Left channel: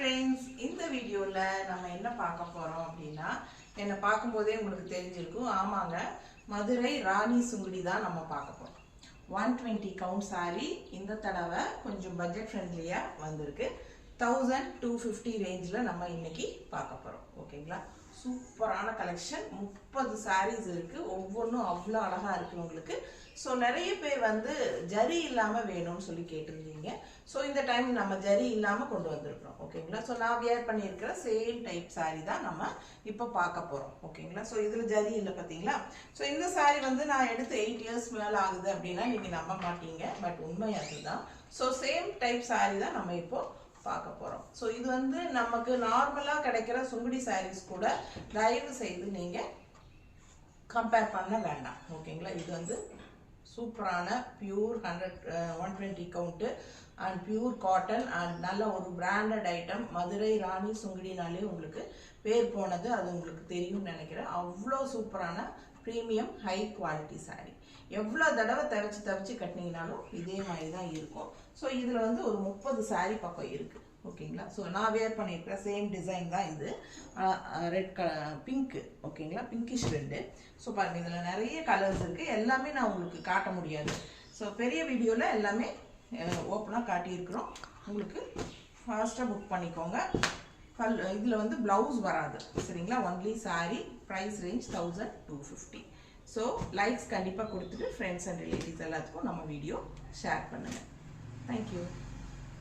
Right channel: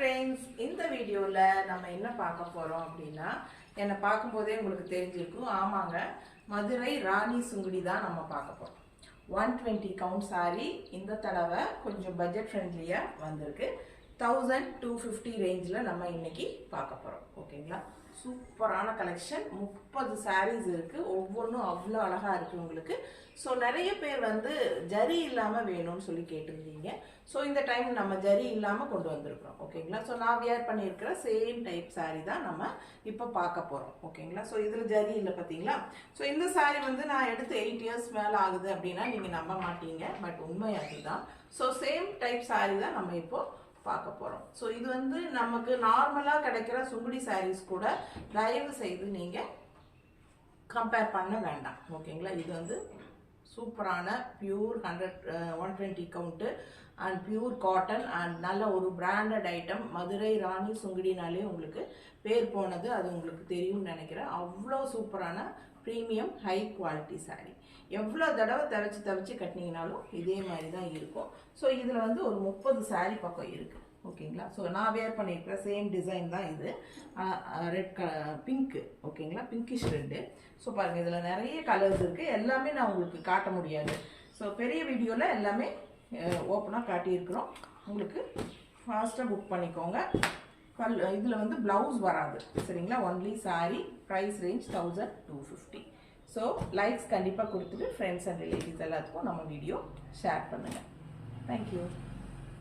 friends, இந்த வீடியோல நம்ம என்ன பார்க்க போறோம் அப்படினா என்ன பாக்கும்போதே உங்களுக்கு தெரிஞ்சிருக்கும் ஆமாங்க மதுரை ராணி சுங்குடி தான் நம்ம பார்க்க போறோம் 120 கவுண்ட் saree இந்த தடவை கொஞ்சம் பட்ஜெட் ஃப்ரெண்ட்லியா வந்திருக்கு 1250 ரேஞ்சில நம்ம இன்னைக்கு பார்க்க போறோம் ஓகேங்களா சூப்பரான கலெக்ஷன் 30 sarees இருக்கு ஒவ்வொன்றும் அவ்வளோ அழகா இருக்கு உங்களுக்கு ஸோ நிறைய பேர் வந்து ஜரி இல்லாமல் வேணும்னு சொல்லி கேட்டிருந்தீங்க ஸோ இந்த டைம் நம்ம ஜரி இல்லாமல் கொண்டு வந்திருக்கிறோம் ஓகேங்களா ஸோ நான் வியர் பண்ணியிருக்கிற சேம் டைப் saree தான் நம்ம இப்போ பார்க்க போகிறோம் ஓகேங்களா ஸோ இதில் ஜரி இல்லை பார்த்தீங்களா ஸோ இந்த saree வந்து நான் எடுத்து 8 years மேலே ஆகுது அப்படின்னா நீங்கள் நம்ப மாட்டீங்க பட் உண்மை அதுதான் ஸோ சேம் டைப் saree தான் நம்ம இப்போ பார்க்க போறோம் ஸோ இது வந்து நமக்கு நார்மலா கிடைக்கிற சுங்குடி sarees கூட தயவு செய்து நீங்க கம்பேர் பண்ண வேண்டாம் ஓகேங்களா இது வந்து சூப்பரான pure 120 count and pure cotton and நல்ல ஒரு பிராண்டட் ஐட்டம் மதுரை ராணி சுங்குடினாலே உங்களுக்கு பேர் போனது அது உங்களுக்கு தெரியும்னு நினைக்கிறேன் அவ்வளோ சூப்பரான ப்ரீமியம் ஹை குவாலிட்டி saree எவ்வளோ தடவை தவச்சு கட்டினீங்கனாலும் இதே மாதிரி தான் இருக்கும் ஸோ இதில் வந்து ஒரு 30 saree பக்கம் இருக்குது ஓகேங்களா ஸோ நான் வேர் பண்ணியிருக்கிற சேம் டிசைன் தான் இது ரெட் பிங்க்கு ஓகேங்களா பிங்கிஷ் ரெட்டு ஸோ பாருங்கள் இதில் நிறைய கலர்ஸ் இருக்குது எல்லாமே நான் உங்களுக்கு காட்ட முடியாது ஸோ பெரிய வீடியோவில் எல்லாமே ஓப்பனாக காட்டியிருக்கிறோம் உங்களுக்கு ஃபாஸ்ட்டாக புக் பண்ணிக்கோங்க இதில் வந்து ப்ளவுஸ் வராது சரிங்களா only saree price range 1250 so likes கண்டிப்பாக கொடுத்துட்டு ஃப்ரெண்ட்ஸ் அண்ட் ரிலேட்டிவ்ஸ் எல்லாத்துக்கும் நம்ம வீடியோ ஷேர் பண்ணுங்கள் தேங்க்யூ